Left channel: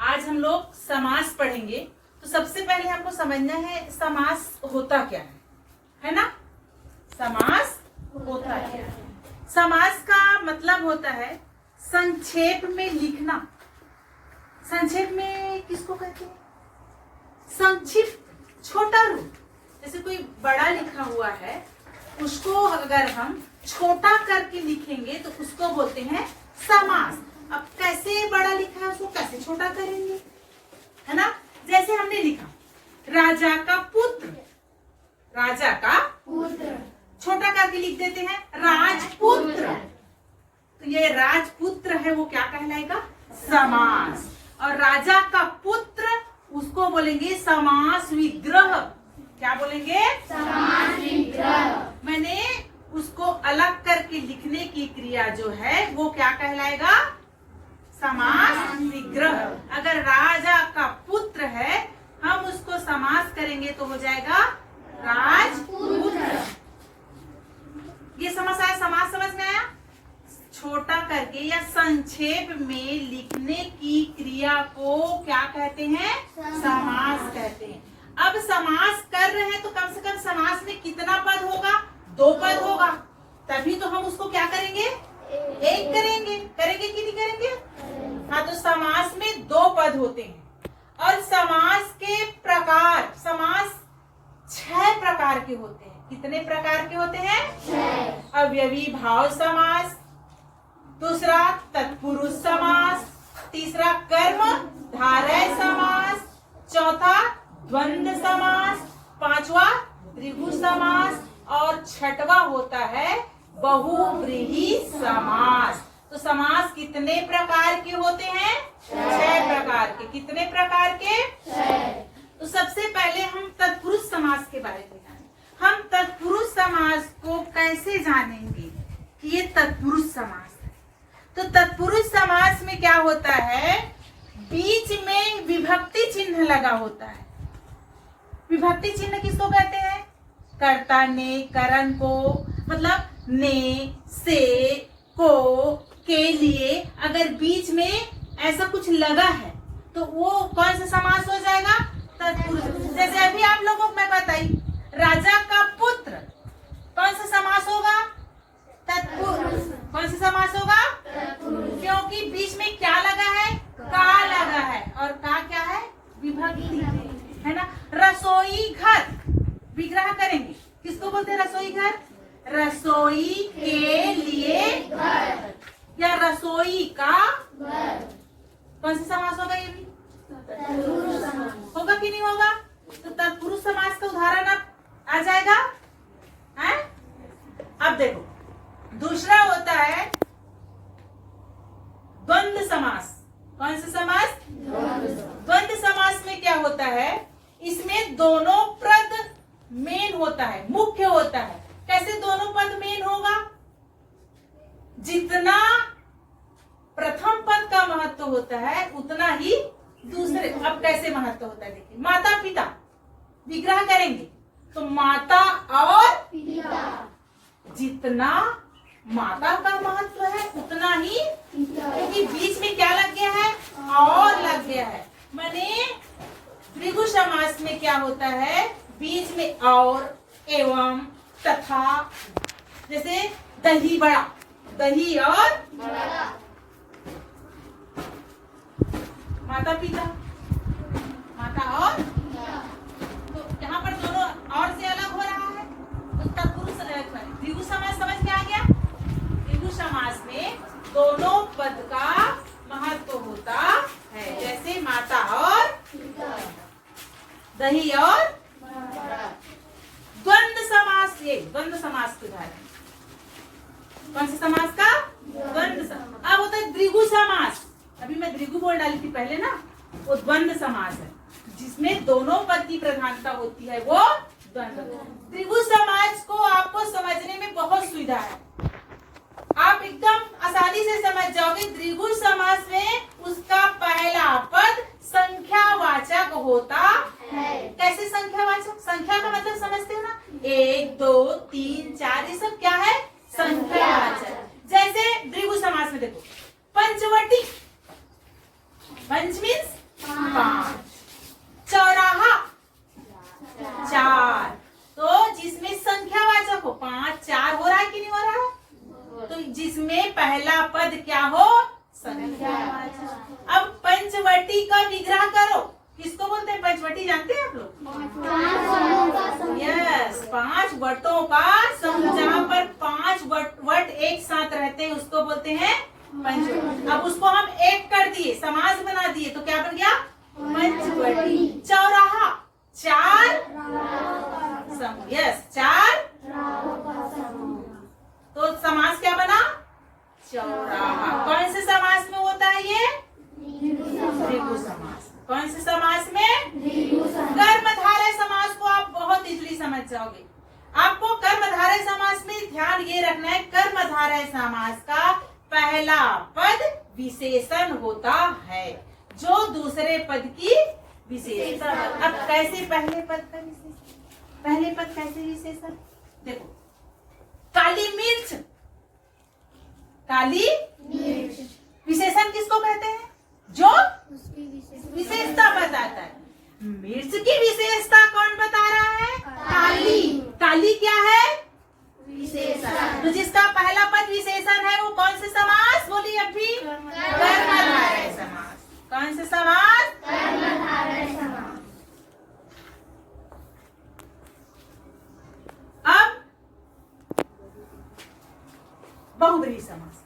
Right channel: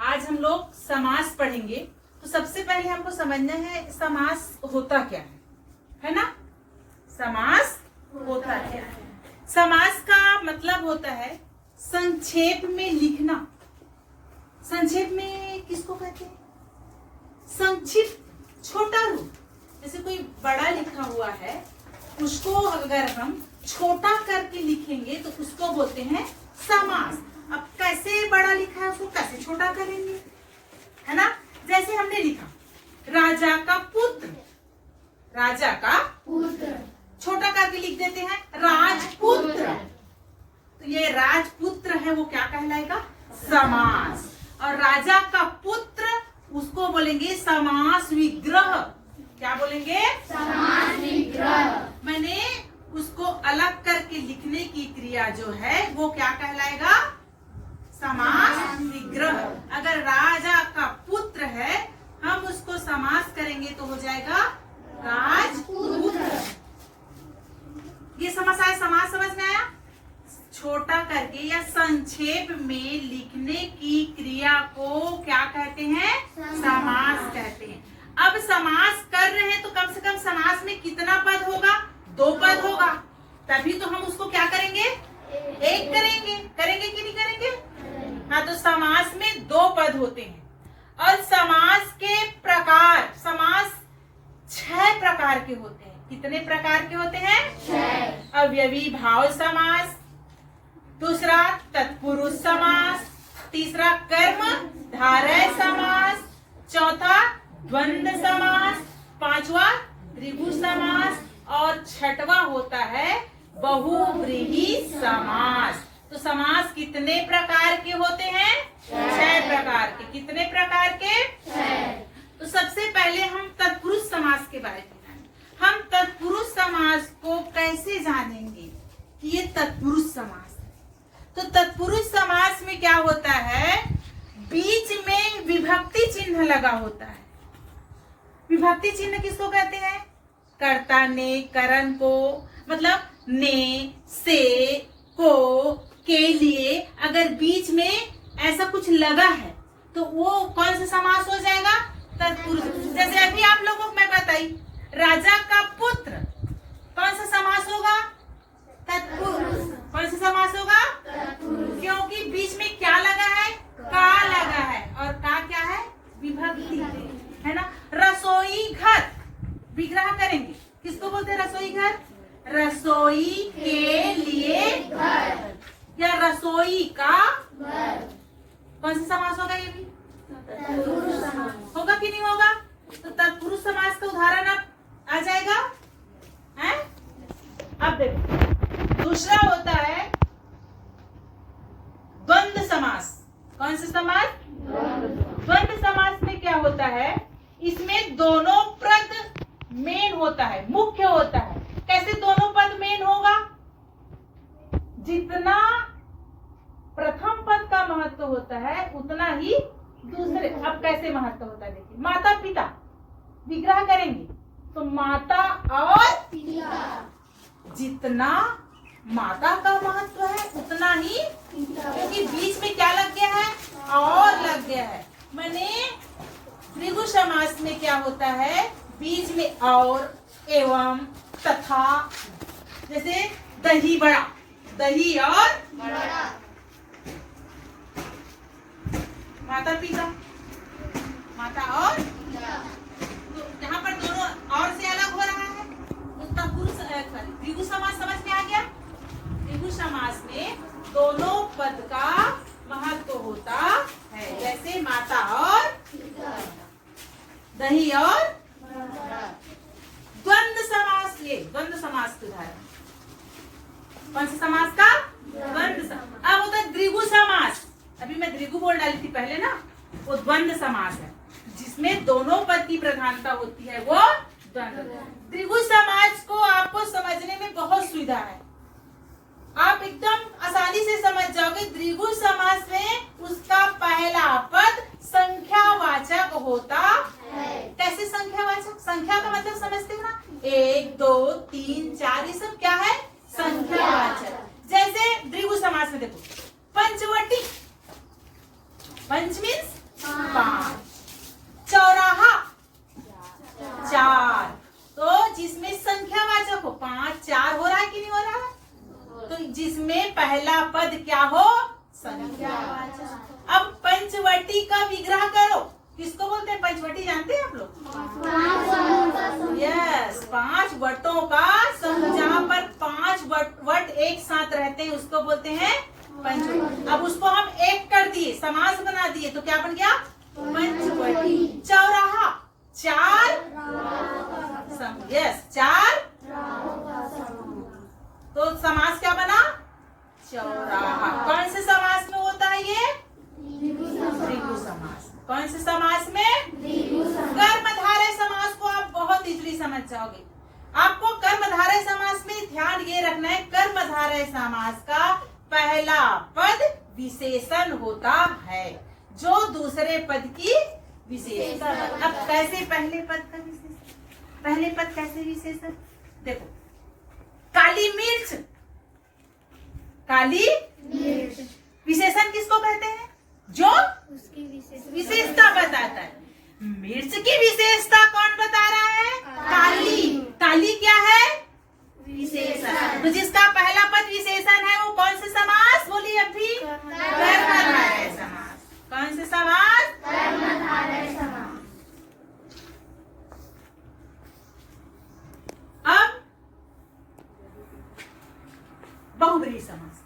आज हम लोग समास पढ़ेंगे। तो सबसे पहले हमको समझना है समास होता क्या है ना। समास होता क्या है? समास का मतलब होता है संक्षेप में लिखना। संक्षेप में किसको कहते हैं? संक्षिप्त, छोटा रूप। जैसे कोई बड़ा लिखा हुआ है, उसको अगर हम छोटा करके लिखेंगे तो उसको बोलते हैं समास। अब कैसे बड़ा लिखा है उसको कैसे छोटा करेंगे, है ना। जैसे हमने लिखा राजा का पुत्र, राजा का पुत्र छोटा करके लिख देते हैं राजपुत्र। तो ये राजपुत्र है वो क्या कहलाएगा? समास। और राजा का पुत्र उसको बोलेंगे समास विग्रह। क्या बोलेंगे? समास विग्रह। मैंने उसको अलग करके लिखने की क्रिया जो है वो क्या कहलाएगा? समास विग्रह। अगर राजा का पुत्र है हम उसको समास करेंगे तो हो जाएगा राजपुत्र। ये समास आया, समास समझ में आया? छोटा करके या संक्षेप में लिखने की क्रिया को क्या कहते हैं? समास कहते हैं। अब समास कर रहे हैं तो कम से कम समास में कितना पद होगा? 2 पद होगा, तभी तो हम उसको क्या करेंगे? 1 करेंगे। करेंगे कि नहीं करेंगे? हाँ, तो समास में 2 पद होते हैं। और समास के प्रकार, समास 6 प्रकार के होते हैं। कितने प्रकार के होते हैं? 6। अव्ययी भाव समास, दूसरा तत्पुरुष समास, तीसरा कर्म धारय समास, चौथा द्वंद्व समास, 5वां त्रिभुज समास और 6वां होता है बहुव्रीहि समास। तो समास कितने प्रकार के होते हैं? 6 प्रकार के। कितने प्रकार के? 6। तो सबसे पहले हम तत्पुरुष समास के बारे में जानेंगे। हम तत्पुरुष समास को कैसे जानेंगे कि ये तत्पुरुष समास है? तो तत्पुरुष समास में क्या होता है? बीच में विभक्ति चिन्ह लगा होता है। विभक्ति चिन्ह किसको कहते हैं? कर्ता ने, करण को, मतलब ने, से, को, के लिए अगर बीच में ऐसा कुछ लगा है तो वो कौन सा समास हो जाएगा? तत्पुरुष। जैसे अभी आप लोगों को मैं बताई राजा का पुत्र, कौन सा समास होगा? तत्पुरुष। कौन सा समास होगा? तत्पुरुष। क्योंकि बीच में क्या लगा है? का लगा है। और का क्या है? विभक्ति है ना। रसोई घर विग्रह करेंगे, किसको बोलते हैं? रसोई घर। रसोई के लिए घर या रसोई का घर। कौन सा समास होगा? ये भी होगा कि नहीं होगा? तो तत्पुरुष समास का उदाहरण अब आ जाएगा है? अब देखो दूसरा होता है द्वंद्व समास। कौन सा समास? द्वंद्व समास में क्या होता है? इसमें दोनों पद मेन होता है, मुख्य होता है। कैसे दोनों पद मेन होगा? जितना प्रथम पद का महत्व होता है उतना ही दूसरे। अब कैसे महत्व होता है देखिए, माता पिता विग्रह करेंगे तो माता और पिता, जितना माता का महत्व है उतना ही, क्योंकि बीच में क्या लग गया है? और लग गया है। माने त्रिभुज समास में क्या होता है? बीच में और, एवं, तथा। जैसे दही बड़ा, दही और बड़ा। माता पिता, माता और पिता। तो यहाँ पर दोनों और से अलग हो रहा है। तो तत्पुरुष त्रिभुज समास समझ में आ गया? त्रिभुज समास में दोनों पद का महत्व होता है। जैसे माता और पिता, दही और बड़ा। द्वंद्व समास, ये द्वंद्व समास के उदाहरण। कौन सा समास का? द्वंद्व समास। अब होता है द्विगु समास। अभी मैं द्विगु बोल डाली थी पहले ना, वो द्वंद्व समास है जिसमें दोनों पद की प्रधानता होती है, वो द्वंद्व। त्रिभुज समास को आपको समझने में बहुत सुविधा है, आप एकदम आसानी से समझ जाओगे। द्विगु समास में उसका पहला पद संख्यावाचक होता है। कैसे संख्यावाचक? संख्या का मतलब समझते हैं ना, 1, 2, 3, 4, ये सब क्या है? संख्यावाचक। जैसे द्विगु समास में देखो पंचवटी, पंच मीन्स 5। चौराहा 4। तो जिसमें संख्यावाचक हो 5 4 हो रहा है कि नहीं हो रहा है? तो जिसमें पहला पद क्या हो? संख्यावाचक। अब पंचवटी का विग्रह करो। किसको बोलते हैं पंचवटी? जानते हैं आप लोग? यस, 5 वटों का समूह। जहाँ पर 5 वट एक साथ रहते हैं उसको बोलते हैं पंचवटी। अब उसको हम एक कर दिए, समास बना दिए, तो क्या बन गया? पंचवटी। चौराहा 4 समूह। यस, 4 तो समास क्या बना? चौराहा। कौन से समास में होता है ये? द्विगु समास। कौन से समास में? कर्मधारय समास को आप बहुत इजीली समझ जाओगे। आपको कर्मधारय समास में ध्यान ये रखना है, कर्मधारय समास का पहला पद विशेषण होता है जो दूसरे पद की विशेषण। अब कैसे पहले पद का विशेषण? पहले पद कैसे विशेषण? देखो, काली मिर्च। काली मिर्च विशेषण किसको कहते हैं? जो उसकी विशेषता बताता है। मिर्च की विशेषता कौन बता रहा है? काली। काली क्या है? विशेषण। तो जिसका पहला पद विशेषण है वो कौन से समास? बोलिए अभी। कर्मधारय समास। कौन से समास? कर्मधारय समास। अब बहुव्रीहि समास।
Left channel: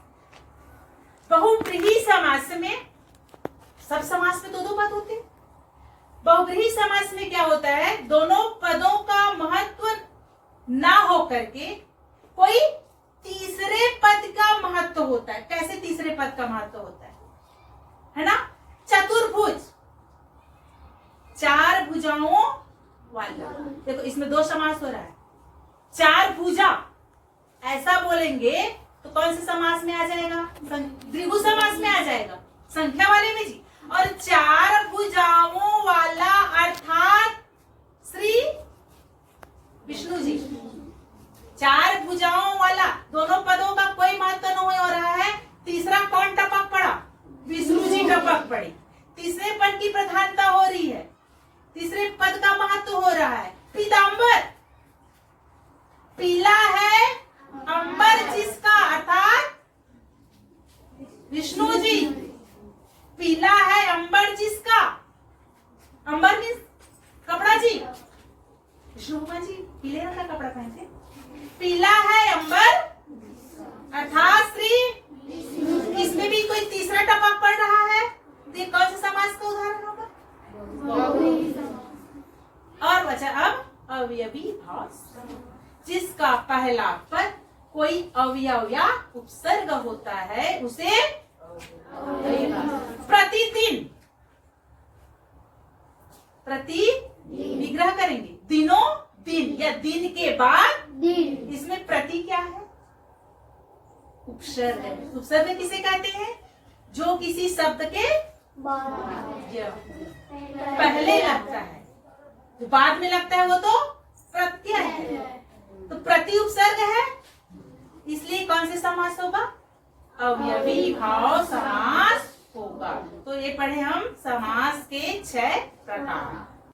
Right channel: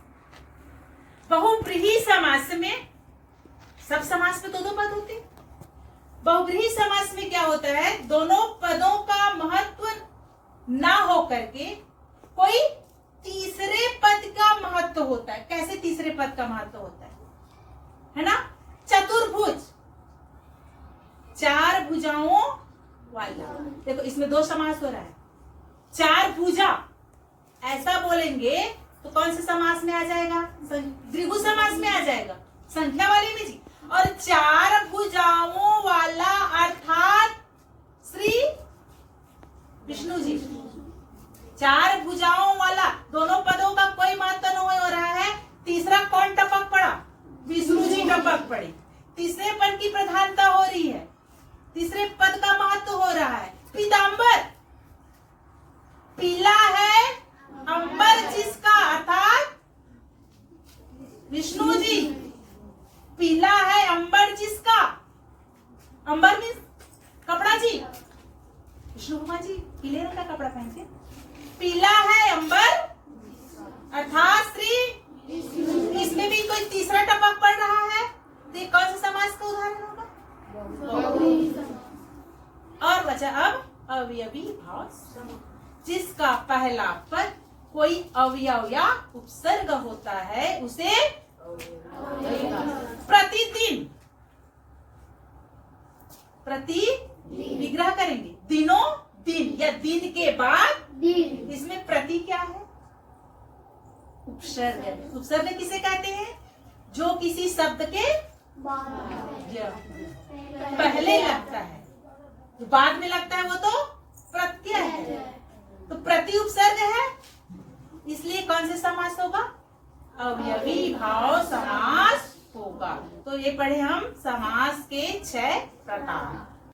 बहुव्रीहि समास में सब समास में दो पद होते हैं। बहुव्रीहि समास में क्या होता है? दोनों पदों का महत्व ना हो करके कोई तीसरे पद का महत्व होता है। कैसे तीसरे पद का महत्व होता है ना? चतुर्भुज, 4 भुजाओं वाला। देखो इसमें 2 समास हो रहा है। 4 भुजा ऐसा बोलेंगे तो कौन से समास में आ जाएगा? द्विगु समास में आ जाएगा, संख्या वाले में जी। और 4 भुजाओं वाला अर्थात श्री विष्णु जी। 4 भुजाओं वाला, दोनों पदों का कोई महत्व नहीं हो रहा है। तीसरा कौन टपक पड़ा? विष्णु जी टपक पड़े। तीसरे पद की प्रधानता हो रही है, तीसरे पद का महत्व हो रहा है। पीतांबर, पीला है अंबर जिसका, अर्थात विष्णु जी। पीला है अंबर जिसका, अंबर मीन्स कपड़ा जी। विष्णु भगवान जी पीले रंग का कपड़ा पहनते। पीला है अंबर अर्थात श्री। इसमें भी कोई तीसरा टपक पड़ रहा है तो ये कौन से समास का उदाहरण होगा? और बचा अब अवयवी भाव, जिसका पहला पद कोई अवयव या उपसर्ग होता है उसे प्रतिदिन, प्रति विग्रह करेंगे। दिनों दिन या दिन के बाद दिन। इसमें प्रति क्या है? उपसर्ग है। उपसर्ग किसे कहते हैं? जो किसी शब्द के पहले लगता है, जो बाद में लगता है वो तो प्रत्यय है। तो प्रति उपसर्ग है, इसलिए कौन से समास होगा? अवयवी भाव समास होगा। तो ये पढ़े हम समास के 6 प्रकार।